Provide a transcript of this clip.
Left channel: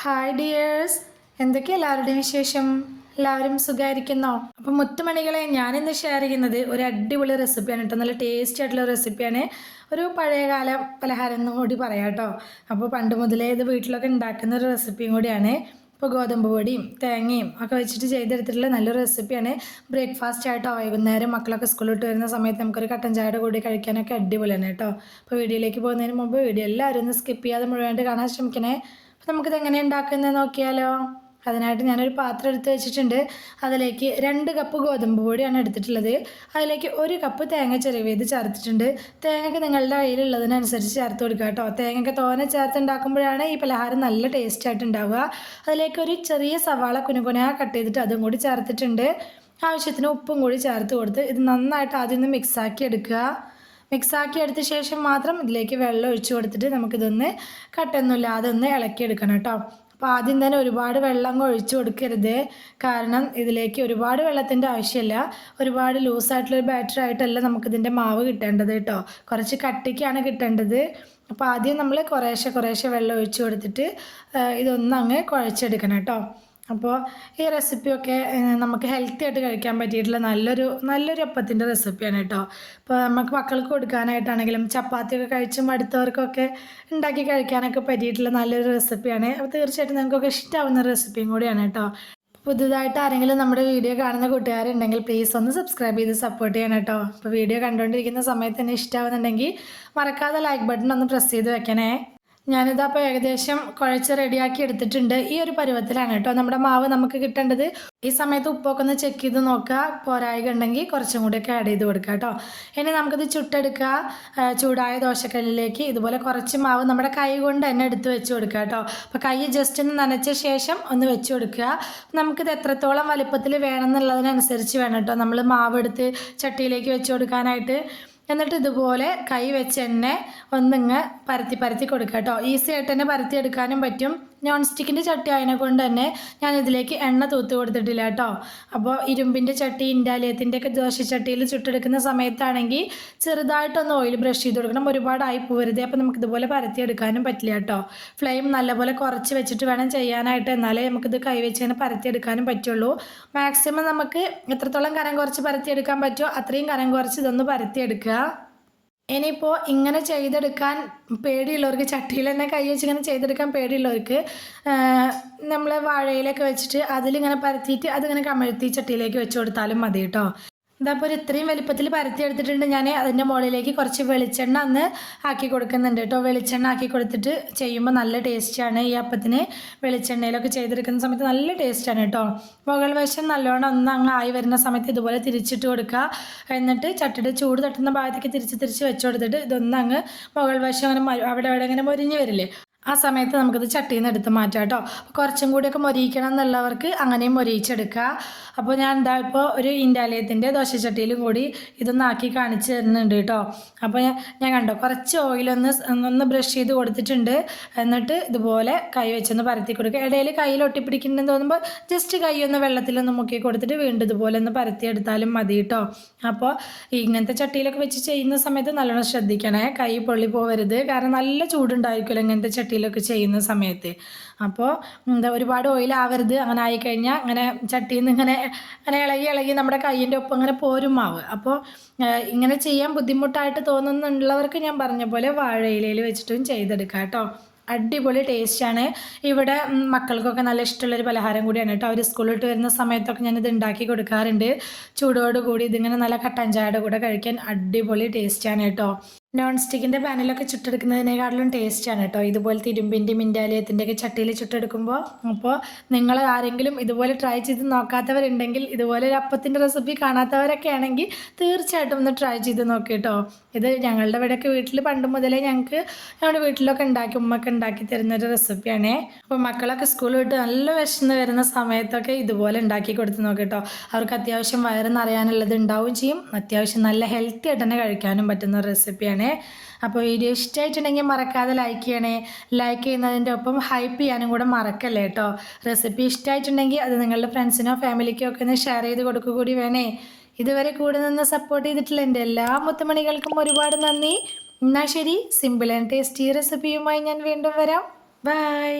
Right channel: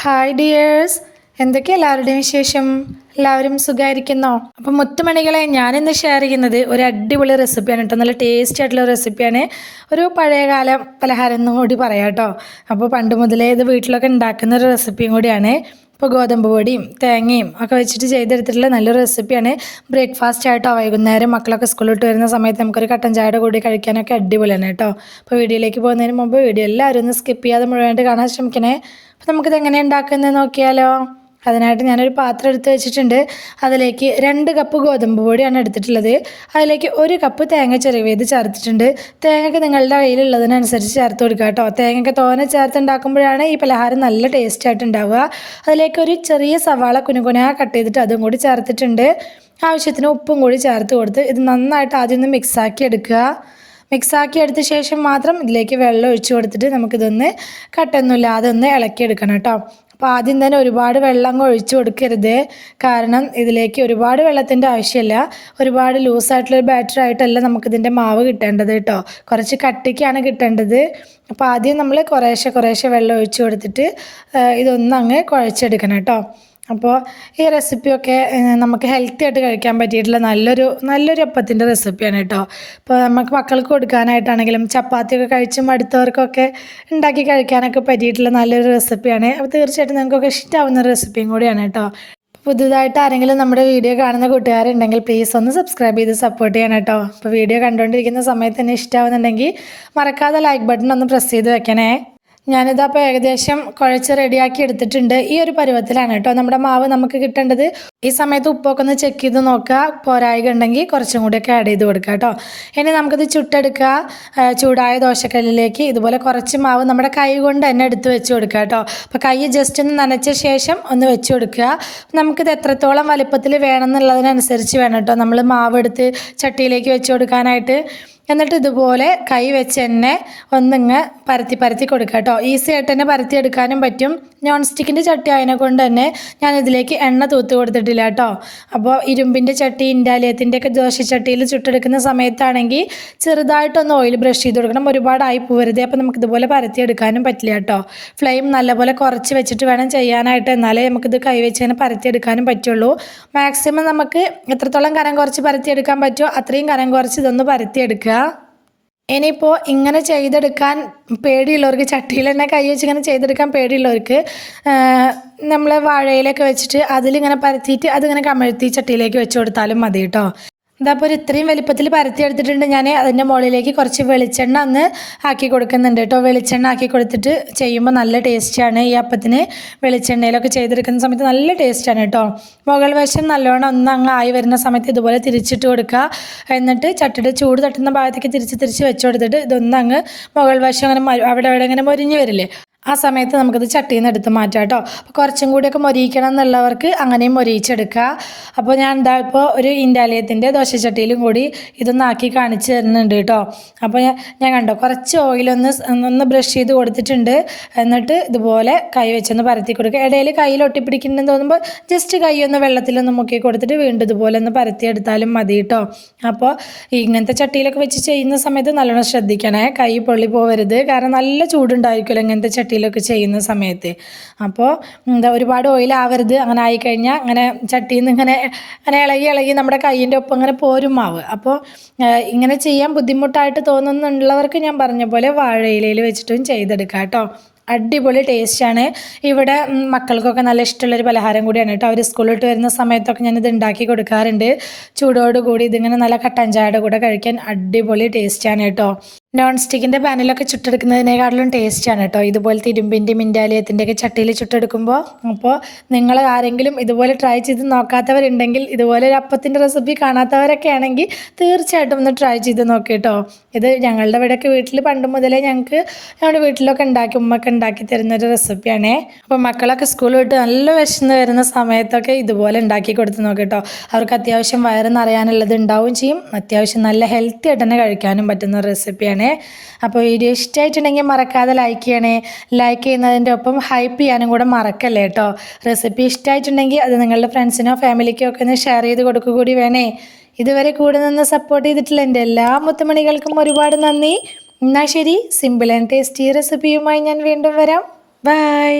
Hi dears, എന്തൊക്കെ എല്ലാവരുടെയും വിശേഷം? എല്ലാവരും സുഖമായിരിക്കുന്നോ? അപ്പം മുത്തുമണികളെ, ഞാനിന്ന് ഷെയർ ചെയ്യുന്നത് ഒരു അടിപൊളി റെസിപ്പിയാണ് കേട്ടോ. നല്ല ടേസ്റ്റി ആയിട്ടുള്ള റെസിപ്പിയാണ്. ഒരു പഴയകാല പലഹാരം എന്നും കൂടി പറയാം കേട്ടോ. അപ്പോൾ പണ്ട് മുതലേ ഇത് വീട്ടിലൊക്കെ ഉണ്ടാക്കുന്ന ഒരു റെസിപ്പിയും കൂടിയാണ്. ഇപ്പോൾ ഗോതമ്പ് പൊടിയും തേങ്ങയും ഒക്കെ വെച്ചിട്ട് ചെയ്തെടുത്തിട്ടുള്ള നല്ലൊരു റെസിപ്പിയാണ്. ബ്രേക്ക്ഫാസ്റ്റ് ആയിട്ടോ വൈകുന്നേരം മക്കളൊക്കെ സ്കൂളിൽ വിട്ട് വരുന്ന സമയത്ത് നമുക്കൊരു കട്ടൻ ചായയുടെ കൂടി കഴിക്കാനൊക്കെ അടിപൊളിയാണ് കേട്ടോ. അപ്പോൾ വീഡിയോയിലേക്ക് പോകുന്നതിന് മുമ്പ് വീഡിയോ എല്ലാവരും ഒന്ന് സ്കിപ്പ് ചെയ്യാതെ മുഴുവനായിട്ട് കാണാൻ ശ്രമിക്കണേ. അപ്പോൾ നമുക്കിത് എങ്ങനെ ഉണ്ടാക്കുന്നത് നോക്കിയാലോ. അതിനായിട്ട് ഞാനൊരു പാത്രം എടുത്ത് വെച്ചിട്ടുണ്ട്. അതിലേക്ക് 2 കപ്പ് ഗോതമ്പ് പൊടിയാണ് എടുത്തിട്ടുള്ളത്. അതിലേക്ക് 1 കപ്പ് തേങ്ങ ചിരവിയത് ചേർത്തിട്ടുണ്ട്. തേങ്ങയ്ക്ക് നിങ്ങളുടെ കയ്യിലുള്ളതിനനുസരിച്ച് ചേർത്ത് കൊടുക്കുക കേട്ടോ. തേങ്ങയ്ക്ക് തോനെ ചേർത്തുണ്ടാക്കുമ്പോഴാണ് ഈ പലഹാരം നല്ല ടേസ്റ്റ് ആയിട്ട് ഉണ്ടാവുക. അതിലേക്ക് ഒരു ചെറിയ സവാള കുനുകുനാ കട്ട് ചെയ്തിട്ട് അതും കൂടി ചേർത്തിട്ടുണ്ട്. ആവശ്യത്തിന് ഉപ്പും കൂടി ചേർത്ത് കൊടുത്ത് ഇത് നന്നായിട്ട് ആദ്യം ഒന്ന് മിക്സാക്കി എടുക്കുക. മിക്സാക്കി എടുത്ത ശേഷം മാത്രം ഇതിലേക്ക് വെള്ളം ഒഴിച്ച് കൊടുത്തിട്ട് നമുക്കിതൊന്ന് കട്ടൊന്നുമില്ലാതെ ഒന്ന് ഇളക്കിയെടുക്കണം കേട്ടോ. അപ്പോൾ ആദ്യം തന്നെ ഒരുപാട് വെള്ളം ഒഴിച്ചു കൊടുക്കരുത്. കാരണം ഇതിലേക്ക് ഒരുപാട് വെള്ളത്തിൻ്റെ ആവശ്യമില്ല. ഒരുപാട് ലൂസായിട്ടുള്ളൊരു ബാറ്റർ ആയിട്ടല്ല നമുക്കിതിൻ്റെ മാവ് കിട്ടേണ്ടത് കേട്ടോ. കുറച്ച് കട്ടിക്കാണ് കിട്ടേണ്ടത്. അപ്പോൾ ആദ്യം നമ്മൾ കുറേശ്ശെ വെള്ളം ഒഴിച്ച് കൊടുത്തിട്ട് ഇതൊന്നങ്ങ് കുഴച്ചെടുക്കണം കേട്ടോ. അപ്പോൾ ഈ റെസിപ്പിയൊക്കെ നമുക്ക് ഹെൽത്തി ആയിട്ട് കഴിക്കാൻ പറ്റിയിട്ടുള്ള നല്ലൊരു അപ്പത്തിൻ്റെ റെസിപ്പിയാണ് കേട്ടോ. അപ്പോൾ നമുക്ക് മക്കൾക്ക് കൊടുക്കാനായിട്ടാണെങ്കിലും ചപ്പാത്തിയൊക്കെ കഴിച്ച് മടുത്തവർക്കൊക്കെ ഉണ്ടാക്കി കഴിക്കാനൊക്കെ പറ്റിയിട്ടുള്ള നല്ലൊരു റെസിപ്പിയാണ്. അപ്പോൾ തീർച്ചയായിട്ടും നിങ്ങൾക്കൊക്കെ ഇഷ്ടമാവുന്ന റെസിപ്പിയും കൂടിയാണ് കേട്ടോ. പുതുതായിട്ട് ആരെങ്കിലും നമ്മുടെ വീഡിയോ കാണുന്ന കൂട്ടുകാരുണ്ടെങ്കിൽ പ്ലീസ് ഒന്ന് സബ്സ്ക്രൈബ് ചെയ്ത് സപ്പോർട്ട് ചെയ്യണം കേട്ടോ. അപ്പോൾ വീഡിയോ കണ്ടുകൊണ്ടിരിക്കുന്ന സമയത്ത് തന്നെ ഇഷ്ടമാവുന്നുണ്ടെങ്കിൽ മറക്കാതെ ലൈക്ക് ബട്ടൺ ഒന്ന് പ്രസ് ചെയ്ത് വെക്കണേ. ഞാനിതപ്പോൾ ഏകദേശം കുഴച്ച് റെഡിയാക്കി എടുത്തിട്ടുണ്ട്. ഈ ഒരു പരുവത്തിലാണ് കേട്ടോ നമ്മുടെ മാവ് നമുക്ക് കിട്ടേണ്ടത്. ഈ സമയത്ത് ഉപ്പൊക്കെ ഒന്ന് ചെക്ക് ചെയ്ത് നോക്കുക. പോരായ്ക ഉണ്ടെങ്കിൽ കുറച്ചും കൂടിയൊക്കെ ആഡ് ചെയ്ത് കൊടുക്കുക കേട്ടോ. ഇനി നമുക്കിത് ചുട്ടെടുക്കുക. ചൂടായ ദോശക്കല്ലിലേക്ക് ഇതുപോലെ കുറച്ച് മാവ് നമ്മുടെ കൈ കൊണ്ട് തന്നെ എടുത്ത് വെച്ച് കൊടുക്കുക കേട്ടോ. അപ്പോൾ കൈ ജസ്റ്റ് ഒന്ന് നനച്ച ശേഷം ഒന്ന് വെച്ച് കൊടുക്കുക. നമുക്കിത് എത്രത്തോളം വലുപ്പത്തിൽ വേണമെന്നുള്ളതിനനുസരിച്ച് വേണം കേട്ടോ നമ്മൾ മാവ് എടുത്ത് ചട്ടിയിലേക്ക് വെച്ച് കൊടുക്കാനായിട്ട്. എന്നിട്ട് ഇതുപോലെ കൈ വെച്ച് തന്നെ ഒന്നിങ്ങ് പരത്തി കൊടുക്കുക കേട്ടോ. ഈസി ആയിട്ട് തന്നെ പരത്തി എടുക്കാനും പറ്റും. നോൺ സ്റ്റിക്കിൻ്റെ ചട്ടി ആയതിനെ കൊണ്ട് തന്നെ ഞാൻ ഇതിലേക്ക് എണ്ണ തൂത്ത് കൊടുത്തിട്ടില്ല കേട്ടോ. അപ്പോൾ ഇരുമ്പിൻ്റെ ചട്ടി, ഇൻഡാലിയത്തിൻ്റെ ഒക്കെ ദോശച്ചട്ടിയിൽ ചുട്ടെടുക്കുന്ന സമയത്താണെങ്കിൽ ചെറുതായിട്ടൊന്ന് ഓയിൽ ബ്രഷ് ചെയ്ത് കൊടുക്കണം. ഒരുപാടായി പോകരുത്. അപ്പോൾ നമുക്ക് ഇതുപോലെ പരത്തി എടുക്കാനും പറ്റില്ല കേട്ടോ. ഫ്ലെയിം നല്ലപോലെ കുറച്ച് വെച്ചിട്ട് വേണം ചെയ്യാനായിട്ട്. എന്നാലേ നമുക്കിത് കൈ വെച്ച് തന്നെ പരത്തിയെടുക്കാനും പറ്റുള്ളൂ. മാക്സിമം നമുക്ക് എത്രത്തോളം കനം കുറച്ച് പരത്തിയെടുക്കാൻ പറ്റുമോ അത്രയും കനം കുറച്ച് ഇതൊന്ന് പരത്തിയെടുക്കുക. ഇനിയിപ്പോൾ ഇങ്ങനെ ചെയ്തെടുക്കാൻ പേടിയുള്ളവർക്ക്, ചട്ടിയിൽ തന്നെ കൈ വെച്ച് ഇങ്ങനെ ചെയ്തെടുക്കാൻ പേടിയുള്ളവർക്ക് നമ്മൾ വാഴയിലൊക്കെ വെച്ചിട്ട് അതിലിങ്ങനെ പരത്തിയിട്ട് അതിങ്ങനെ കമഴ്ത്തി ചട്ടിയിലേക്ക് വെച്ച് കൊടുത്താലും മതി കേട്ടോ. ഇതപ്പോൾ ഒരു ഇത്രയും വലിപ്പത്തിൽ പരത്തി എടുത്തിട്ടുണ്ട് ഞാൻ. അതിൻ്റെ മുകളിലേക്ക് കുറച്ച് വെളിച്ചെണ്ണ ഒന്ന് ആക്കി കൊടുക്കുന്നുണ്ട് കേട്ടോ. വെളിച്ചെണ്ണ ആക്കി കൊടുത്തിട്ട് ചെയ്യുമ്പോൾ നല്ല ടേസ്റ്റാണ്. ഈ അപ്പത്തിന് വെളിച്ചെണ്ണയിലൊക്കെ ചെയ്തെടുക്കുന്ന സമയത്ത് നല്ല ടേസ്റ്റാണ് കേട്ടോ. മുകൾ വശം നല്ലോണം ഒന്ന് അങ്ങ് ആയി വരുന്ന സമയത്ത് ഇതുപോലെ തിരിച്ചിട്ട് കൊടുക്കുക. എന്നിട്ട് ചട്ടിയുടെ ചൂട് തട്ടുന്ന ഭാഗത്തേക്ക് തിരിച്ച് വെച്ച് കൊടുത്തിട്ട് ഇതൊന്നങ്ങ് മുകൾ വശം അങ്ങനെ അവിടെ ഇങ്ങനെ മൊരിഞ്ഞ് വരില്ലേ, ആ സമയത്ത് നമുക്കത് ചട്ടിയിൽ നിന്ന് എടുത്ത് മാറ്റാം കേട്ടോ. അപ്പോൾ കുറച്ചും കൂടിയൊക്കെ മൊരിയിക്കണം എന്നുള്ളവർക്ക് അങ്ങനെയും മൊരിയിച്ചെടുക്കുക. അപ്പോൾ ഞാൻ ഇപ്പോൾ ഒരു ഇൻഡാലിയത്തിൻ്റെ ദോശച്ചട്ടിയിലും കൂടി ഇതൊന്ന് ആക്കി കാണിച്ച് തരുന്നുണ്ട് കേട്ടോ. അപ്പോൾ ഞാൻ കണ്ടോ കുറച്ച് ഓയിലൊന്ന് ബ്രഷ് ചെയ്ത് കൊടുത്തിട്ടുണ്ട്. എന്നിട്ട് ഇതുപോലെ കൈ വെച്ചൊന്ന് പരത്തി കൊടുക്കുക. ഇടയിൽ കയ്യിൽ ഒട്ടിപ്പിടിക്കണമെന്ന് തോന്നുമ്പോൾ ജസ്റ്റ് കൈ ഒന്ന് വെള്ളത്തിലൊന്ന് മുക്കി കൊടുത്തിട്ട് വീണ്ടും ഇതുപോലെ ഒന്ന് പരത്തിയെടുത്താലും മതി കേട്ടോ. അപ്പോൾ ഇങ്ങനത്തെ ചട്ടിയിലൊക്കെ വെച്ച് ചെയ്യുന്ന സമയത്ത് നല്ലോണം ശ്രദ്ധിക്കണേ, കൈ പൊള്ളി പോകരുത്. കാരണം നല്ല ചൂടുണ്ടായിരിക്കുമല്ലോ ഇങ്ങനത്തെ ചട്ടിയിലൊക്കെ ചെയ്യുന്ന സമയത്ത്. അപ്പോൾ ഒരുപാട് ഓയിലാവരുത്. അങ്ങനെ ആയിക്കഴിഞ്ഞാൽ അങ്ങനെ ചട്ടിയിൽ നിന്ന് ഇങ്ങനെ ഇളകി നമ്മുടെ കൈയിൻ്റെ ഒപ്പം ഇങ്ങനെ പോരും മാവ്. അപ്പോൾ ഇങ്ങനെ ചെയ്യാൻ ബുദ്ധിമുട്ടായിട്ട് തോന്നുന്നുള്ളവർക്ക് ഞാൻ പറഞ്ഞ പോലെ വാഴയിലയിൽ വെച്ചിട്ടും ചെയ്തെടുക്കാം കേട്ടോ. അടിപൊളി ടേസ്റ്റാണ്. ഇവിടെ മക്കൾക്കൊക്കെ നല്ല ഇഷ്ടമുള്ളൊരു പലഹാരം കൂടിയാണ് കേട്ടോ. അവർ സ്കൂളിലിട്ട് വരുന്ന സമയത്തൊക്കെ ഞാനിത് ഉണ്ടാക്കി കൊടുക്കാറുണ്ട്. ചൂടോടുകൂടി ഇതിങ്ങനെ നല്ല കട്ടൻ ചായയുടെ കൂടെ കഴിക്കാൻ അടിപൊളി ടേസ്റ്റാണ് കേട്ടോ. നോൺ സ്റ്റിക്കിൻ്റെ പാനിലൊക്കെ ചുട്ടെടുക്കുന്നതിനേക്കാളും ടേസ്റ്റാണ് കേട്ടോ ഇതുപോലത്തെ ഇരുമ്പിൻ്റെയും ഇൻഡാലിയത്തിൻ്റെയൊക്കെ ചട്ടിയിൽ ചുട്ടെടുക്കുമ്പോൾ. അപ്പോൾ നിങ്ങൾ ആരെങ്കിലും ഇതുപോലെ ട്രൈ ചെയ്ത് നോക്കാത്തവരുണ്ടെങ്കിൽ, ഇതുപോലെ ഒരു അപ്പത്തിൻ്റെ റെസിപ്പി കാണാത്തവരൊക്കെ ആണെങ്കിൽ തീർച്ചയായിട്ടും ഒന്ന് ട്രൈ ചെയ്ത് നോക്കി കേട്ടോ. ഇത് ഞങ്ങളുടെ ഇവിടെയൊക്കെ വീട്ടിൽ പണ്ട് മുതലേ ഞങ്ങളുടെ വീട്ടിലൊക്കെ ഉമ്മയൊക്കെ ഉണ്ടാക്കി തരുന്നൊരു റെസിപ്പിയാണേ. അപ്പോൾ മക്കളൊക്കെ സ്കൂൾ വിട്ട് നല്ല വിശന്ന് വരുന്ന സമയത്തൊക്കെ ഇതുപോലെ ഉണ്ടാക്കി കൊടുത്ത് നോക്കി കേട്ടോ. അവർക്ക് അത്യാവശ്യം വയറ് നിറയാനുള്ളത് ഉണ്ടാവുകയും ചെയ്യും. അത്യാവശ്യം നല്ല ഹെൽത്തി ആയിട്ട് തന്നെ കഴിക്കാനും പറ്റുന്ന റെസിപ്പിയാണ്. അപ്പോൾ വീഡിയോ ഇഷ്ടമായിട്ടുണ്ടെങ്കിൽ മറക്കാതെ ലൈക്ക് ചെയ്യണേ. ലൈക്ക് ചെയ്യുന്നതിൻ്റെ ഒപ്പം ഹൈപ്പ് ചെയ്യാനും കൂടെ മറക്കല്ലേ കേട്ടോ. റെസിപ്പി ഇഷ്ടമായിട്ടുണ്ടെങ്കിൽ അത് നിങ്ങളുടെ ഫ്രണ്ട്സിനോ ഫാമിലിക്കോ ഒക്കെ ഒന്ന് ഷെയർ ചെയ്ത് കൊടുക്കുക കൂടി വേണേ. ഇതുവരെ കൂടെ നിന്ന് സപ്പോർട്ട് ചെയ്തിട്ടുള്ള എൻ്റെ എല്ലാ മുത്തുമണികൾക്കും ഒരുപാട് നന്ദി. എന്നാൽ ശരി, സിമ്പിൾ ആൻഡ് ടേസ്റ്റി റെസിപ്പിയുമായി ഞാൻ വീണ്ടും വരാം. ബൈ.